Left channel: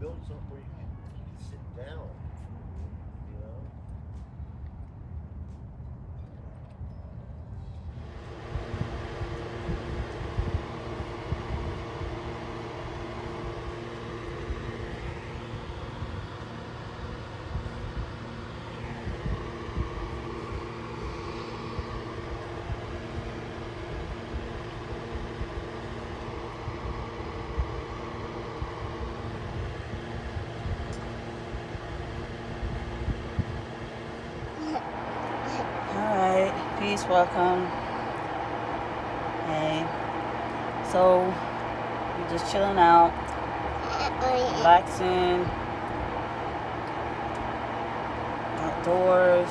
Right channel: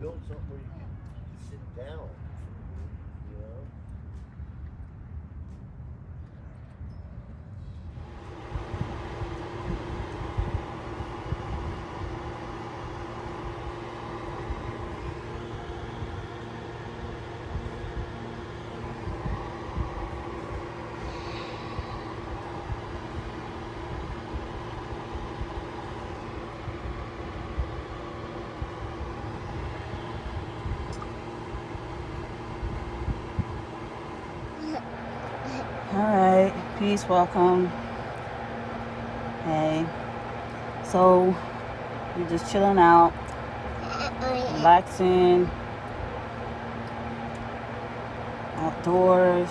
build something where you can sit down, you know? Alright, peace, welcome. Hey, so we're just chilling out, relaxing, outdoors.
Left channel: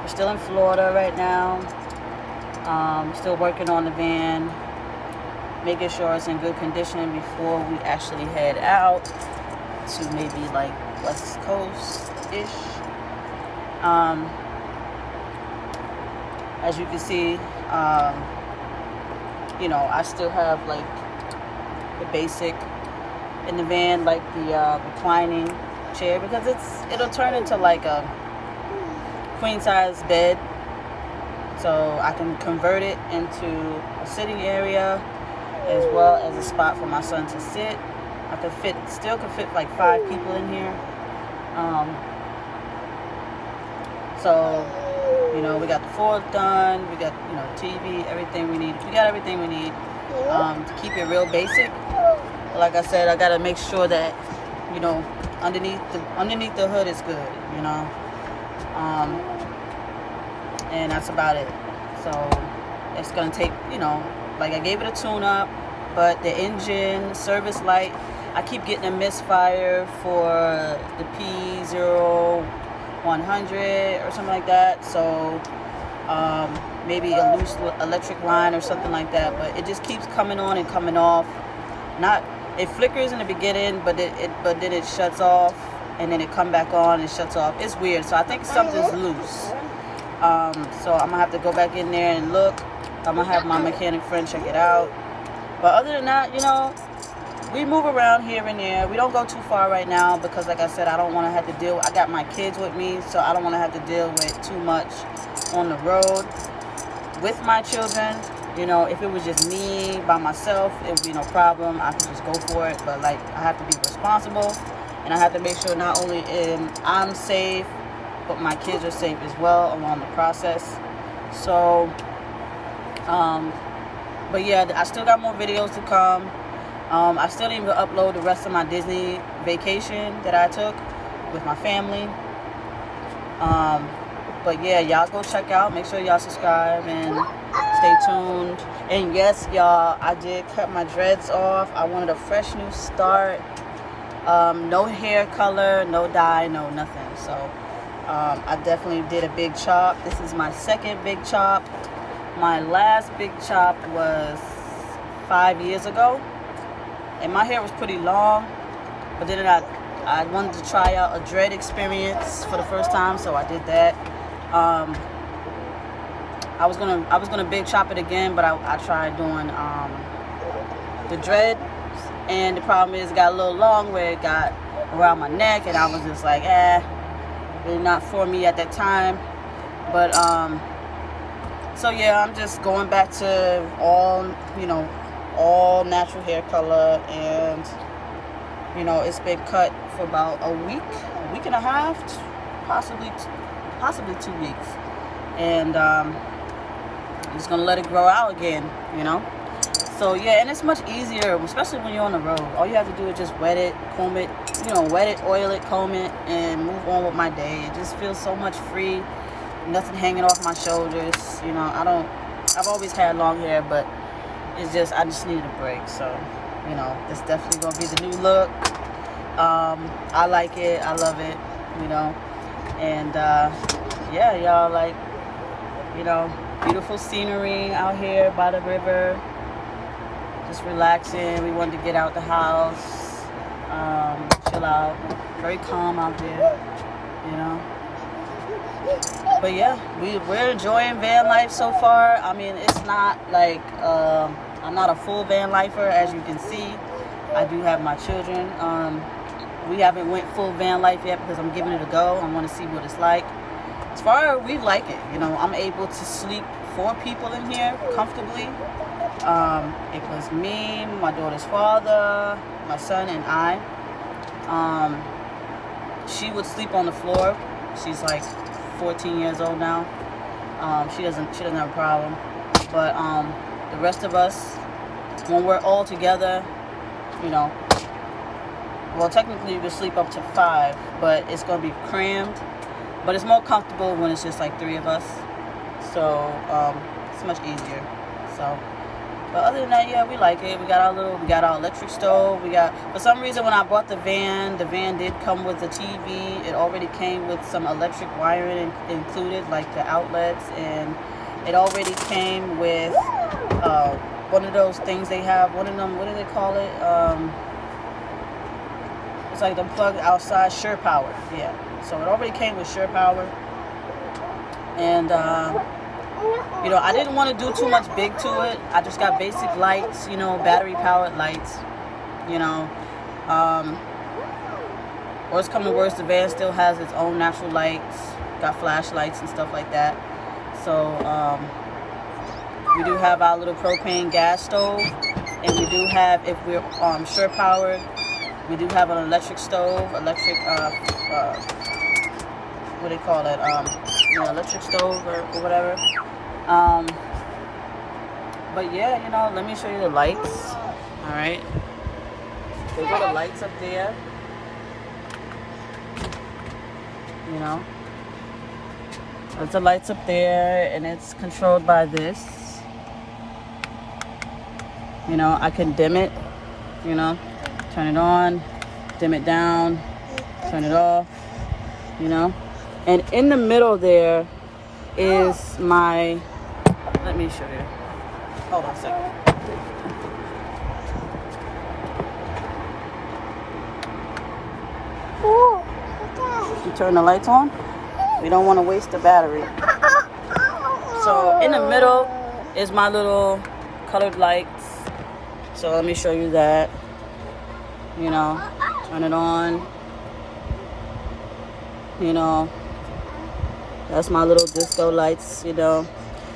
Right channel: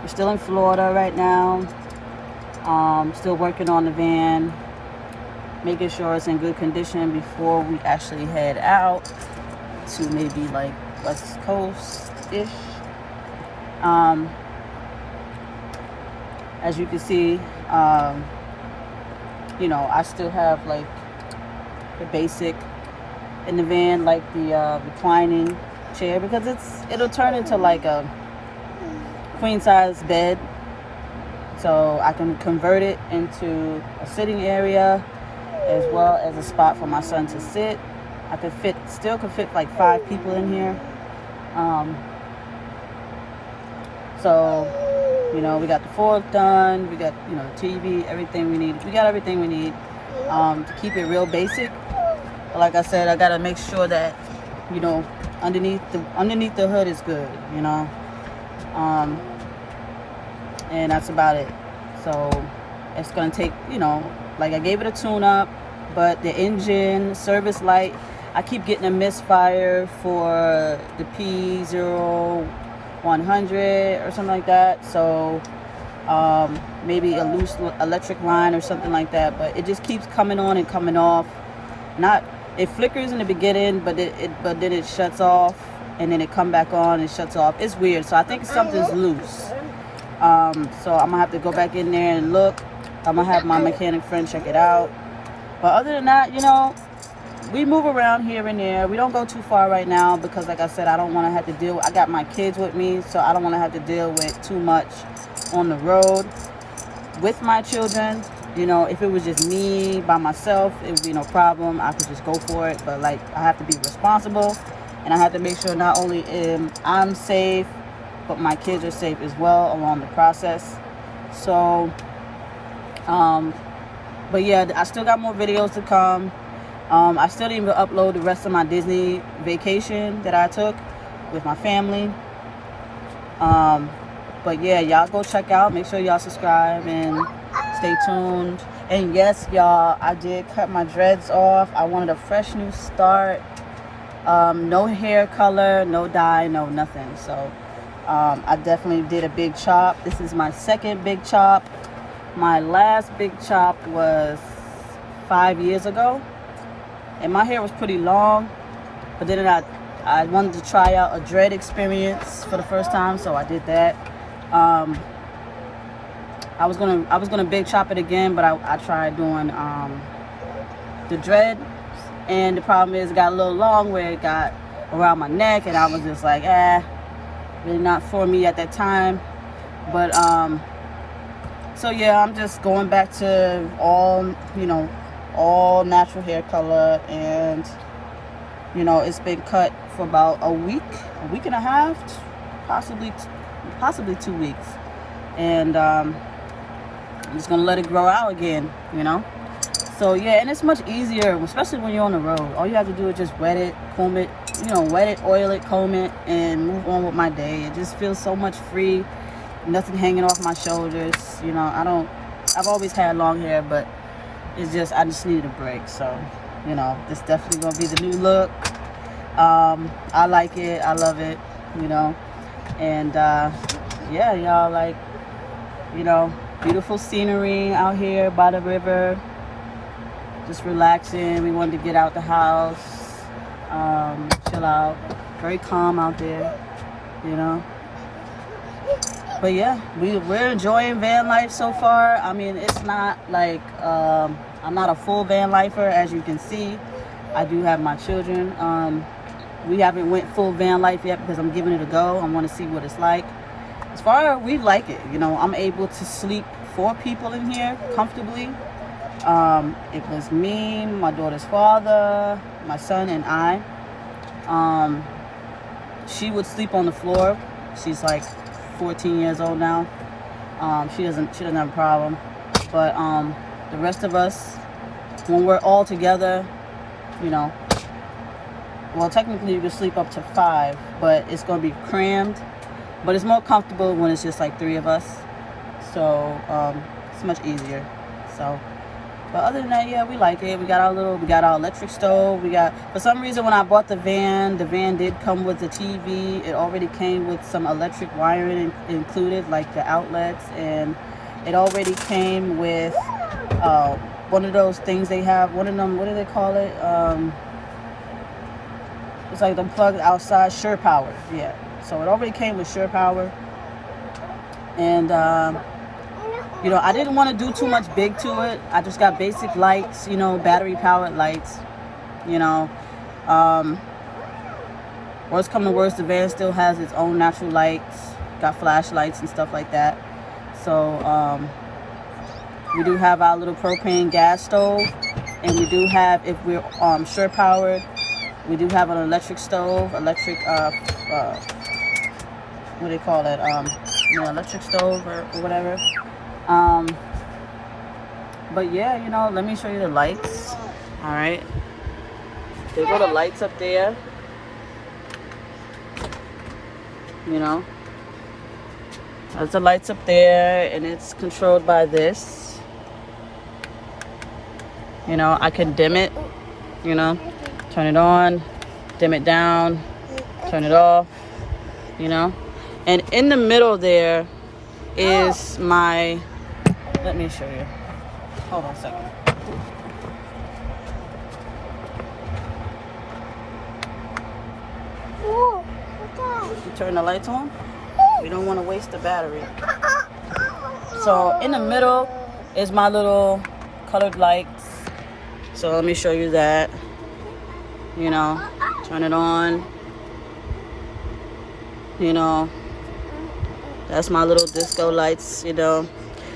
We're still in Florida right now. Still working on the van, making sure it's in good condition before we actually head out to maybe like West Coast-ish. As you can see, you know, I still have like the basic in the van, like the reclining chair, because it'll turn into like a queen size bed, so I can convert it into a sitting area as well as a spot for my son to sit. I could still fit like 5 people in here. So, you know, we got the floor done, we got, you know, the TV, everything we need. We got everything we need to keep it real basic. But like I said, I gotta make sure that, you know, underneath the hood is good, you know. And that's about it. So it's gonna take, you know, like I gave it a tune-up, but the engine, service light, I keep getting a misfire for the P0100 or something like that. So maybe a loose electric line or something like that. But it just keeps coming on and coming off. It flickers in the beginning, but then it shuts off, and then it come back on and shuts off. It's weird. So I think something's loose. So I'm gonna have to go back in there and look. I'm gonna have my mechanic friend check it out. But other than that, you know, we move around here and there. We don't go too far right now because, like I said, I don't want to have to deal. I got my kids with me, so I don't want to have to deal with too much on the road with my children. You know, if it was just me by myself, it would be no problem. I could just go for it. But like, I have to be responsible, and I have to make sure not only am I'm safe, but my kids are safe as well along the process. So, but yeah, I still got more videos to come. I still didn't even upload the rest of my Disney vacation that I took with my family. But yeah, y'all go check out. Make sure y'all subscribe and stay tuned. And yes, y'all, I did cut my dreads off. I wanted a fresh new start. No hair color, no dye, no nothing. So I definitely did a big chop. This is my second big chop. My last big chop was 5 years ago. And my hair was pretty long, but then I wanted to try out a dread experience for the first time, so I did that. I was gonna big chop it again, but I tried doing the dread, and the problem is it got a little long where it got around my neck, and I was just like, really not for me at that time. But so yeah, I'm just going back to all natural hair color, and you know, it's been cut for about a week and a half, possibly 2 weeks, and I'm just gonna let it grow out again, you know. So yeah, and it's much easier, especially when you're on the road. All you have to do is just wet it, comb it, wet it, oil it, comb it, and move on with my day. It just feels so much free, nothing hanging off my shoulders. You know, I've always had long hair, but it's just, I just needed a break. So, you know, it's definitely gonna be the new look. I like it, I love it, you know. And yeah, y'all, like, you know, beautiful scenery out here by the river, just relaxing. We wanted to get out the house, chill out. Very calm out there, you know. But yeah, we're enjoying van life so far. I mean, it's not like I'm not a full van lifer, as you can see. I do have my children. We haven't went full van life yet because I'm giving it a go. I want to see what it's like. As far as we like it, you know, I'm able to sleep 4 people in here comfortably. It was me, my daughter's father, my son, and I. She would sleep on the floor. She's like 14 years old now. She doesn't have a problem. But the rest of us, when we're all together, you know, well, technically you can sleep up to 5, but it's going to be crammed. But it's more comfortable when it's just like 3 of us. So it's much easier. So, but other than that, yeah, we like it. We got our electric stove. For some reason, when I bought the van did come with the TV. It already came with some electric wiring included, like the outlets, and it already came with one of those things they have. One of them, what do they call it? It's like the plug outside, Sure Power. Yeah. So it already came with Sure Power. And you know, I didn't want to do too much big to it. I just got basic lights, you know, battery powered lights, you know. Worst come to worst, the van still has its own natural lights, got flashlights and stuff like that. So we do have our little propane gas stove, and we do have, if we're Sure Powered, we do have an electric stove, what do they call it? Electric stove or whatever. But yeah, you know, let me show you the lights. All right, there are the lights up there. You know, there's the lights up there, and it's controlled by this. You know, I can dim it. You know, turn it on, dim it down, turn it off. You know, and in the middle there is my, let me show you. Hold on a second. You turn the lights on. We don't want to waste the battery. So in the middle is my little colored lights. So let me show you that. You know, turn it on. You know, that's my little disco lights, you know.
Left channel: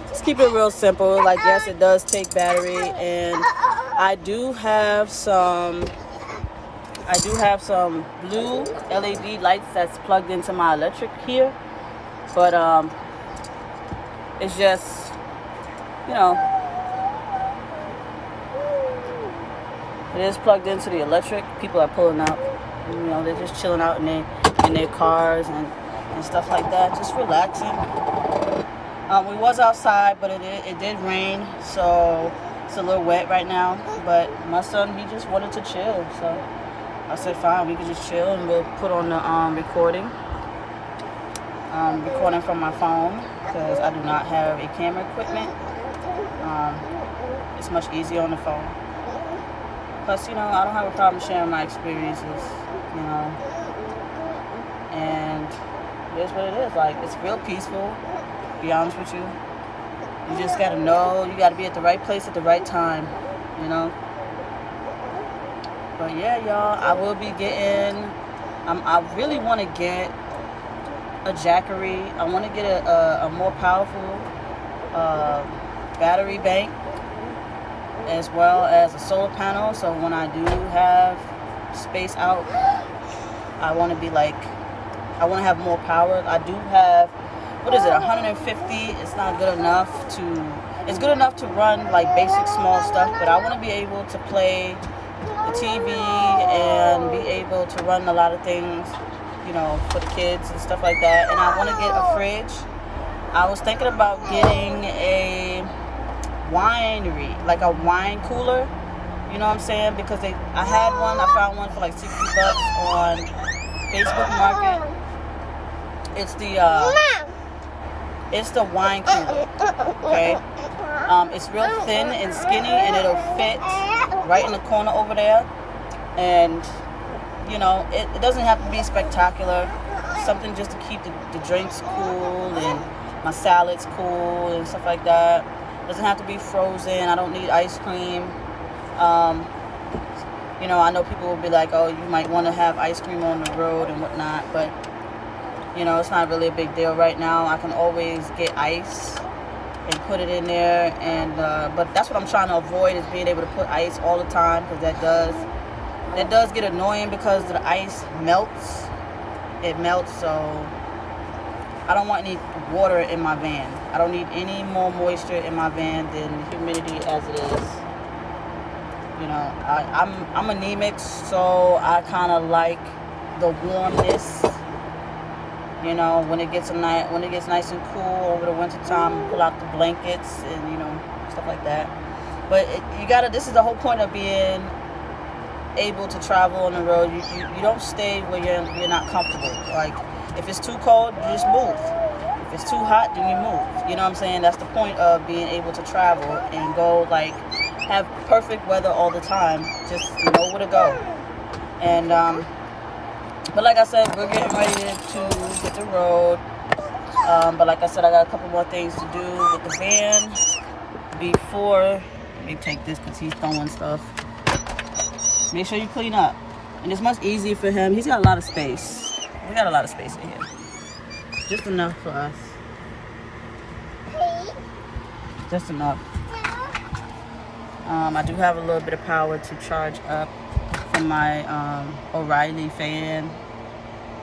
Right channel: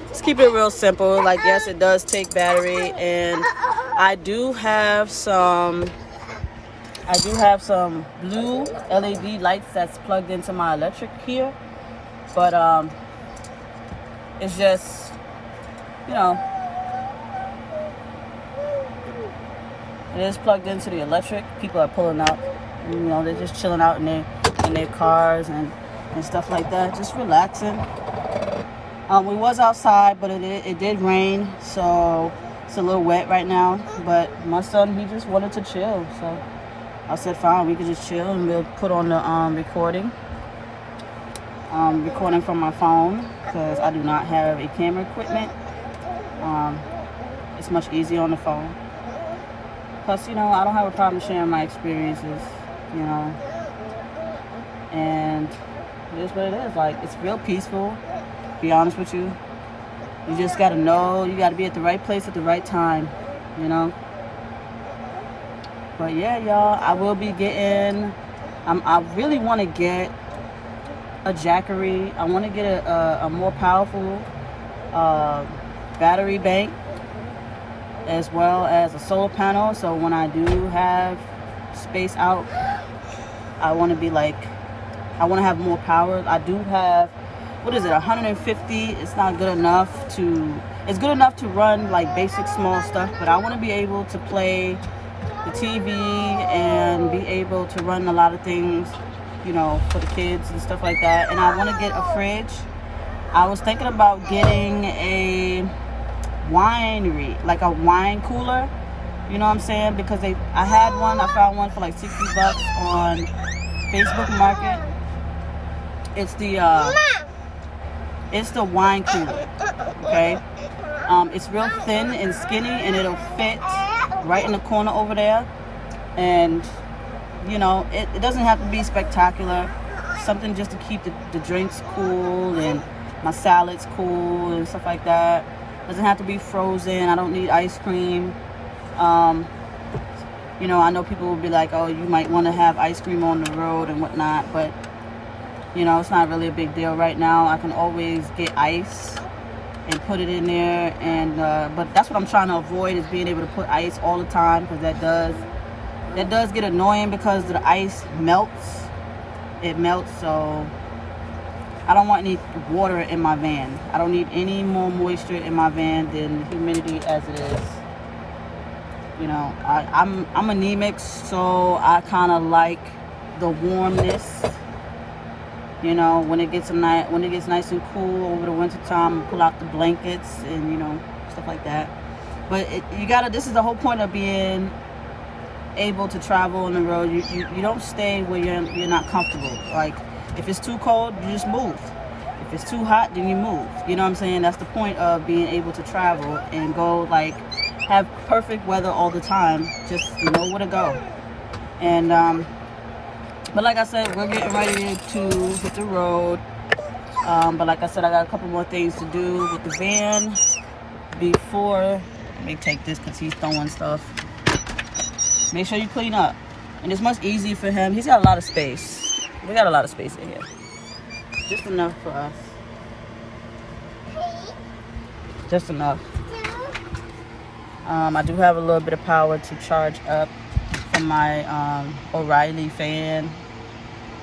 Just keep it real simple. Like, yes, it does take battery, and I do have some blue LED lights that's plugged into my electric here. But it's just, you know, it is plugged into the electric. People are pulling out, and, you know, they're just chilling out in their cars and stuff like that, just relaxing. We was outside, but it did rain, so it's a little wet right now. But my son, he just wanted to chill, so I said fine, we could just chill, and we'll put on the recording from my phone, because I do not have a camera equipment. It's much easier on the phone. Plus, you know, I don't have a problem sharing my experiences, you know. And it is what it is. Like, it's real peaceful, to be honest with you. You just gotta know, you gotta be at the right place at the right time, you know. But yeah, y'all, I will be getting, I really want to get a Jackery. I want to get a more powerful battery bank, as well as a solar panel. So when I do have space out, I want to be like, I want to have more power. I do have, what is it, 150. It's not good enough to, it's good enough to run like basic small stuff, but I want to be able to play the TV and be able to run a lot of things, you know, for the kids and stuff like that. And I want to get a fridge. I was thinking about getting a winery, like a wine cooler, you know what I'm saying? Because I found one for like $60 on Facebook Market. It's the wine cooler, okay? It's real thin and skinny, and it'll fit right in the corner over there. And, you know, it doesn't have to be spectacular. Something just to keep the drinks cool and my salads cool and stuff like that. Doesn't have to be frozen. I don't need ice cream. You know, I know people will be like, oh, you might want to have ice cream on the road and whatnot, but you know, it's not really a big deal right now. I can always get ice and put it in there, and but that's what I'm trying to avoid, is being able to put ice all the time, because that does get annoying because the ice melts. It melts, so I don't want any water in my van. I don't need any more moisture in my van than humidity as it is. You know, I'm anemic, so I kind of like the warmness. You know, when it gets nice and cool over the winter time, pull out the blankets and, you know, stuff like that. But this is the whole point of being able to travel on the road. You don't stay where you're not comfortable. Like, if it's too cold, you just move. If it's too hot, then you move. You know what I'm saying? That's the point of being able to travel and go, like, have perfect weather all the time. Just know where to go. And but like I said, we're getting ready to hit the road. But like I said, I got a couple more things to do with the van before. Let me take this because he's throwing stuff. Make sure you clean up. And it's much easier for him. He's got a lot of space. We got a lot of space in here. Just enough for us. Just enough. I do have a little bit of power to charge up from my O'Reilly fan.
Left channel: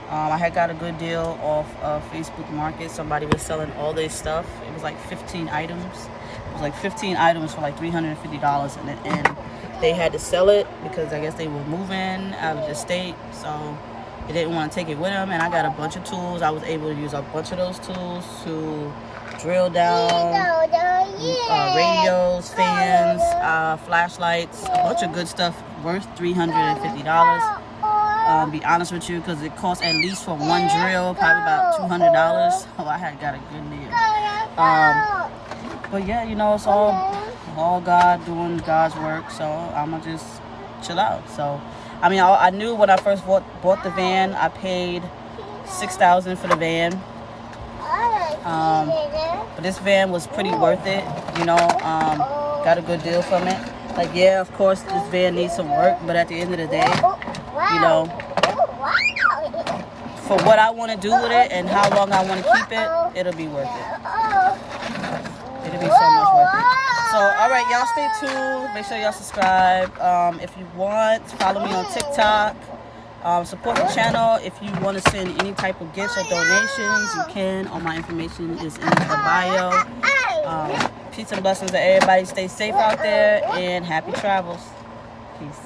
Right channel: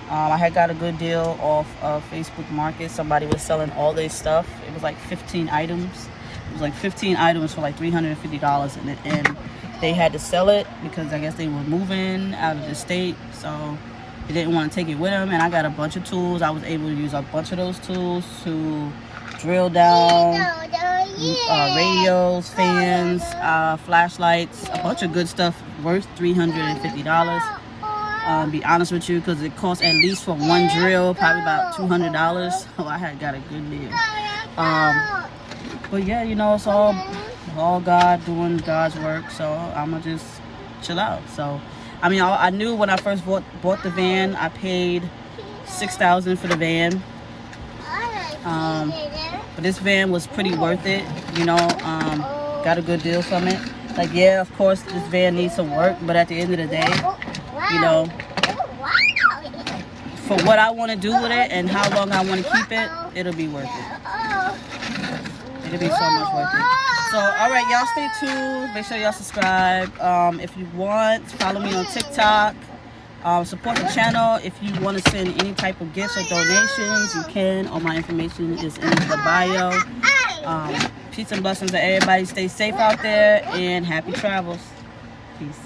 I had got a good deal off of Facebook Market. Somebody was selling all their stuff. It was like 15 items. It was like 15 items for like $350 in it, and they had to sell it because I guess they were moving out of the state, so they didn't want to take it with them. And I got a bunch of tools. I was able to use a bunch of those tools to drill down radios, fans, flashlights, a bunch of good stuff worth $350. Be honest with you, because it costs at least for one drill probably about $200. So I had got a good deal. But yeah, you know, it's all God doing God's work, so I'ma just chill out. So I mean, I knew when I first bought the van, I paid $6,000 for the van. But this van was pretty worth it, you know. Got a good deal from it. Like, yeah, of course this van needs some work, but at the end of the day, you know, for what I want to do with it and how long I want to keep it, it'll be worth it. It'll be so much worth it. So, all right, y'all stay tuned. Make sure y'all subscribe. If you want, follow me on TikTok. Support the channel. If you want to send any type of gifts or donations, you can. All my information is in the bio. Peace and blessings to everybody. Stay safe out there and happy travels. Peace.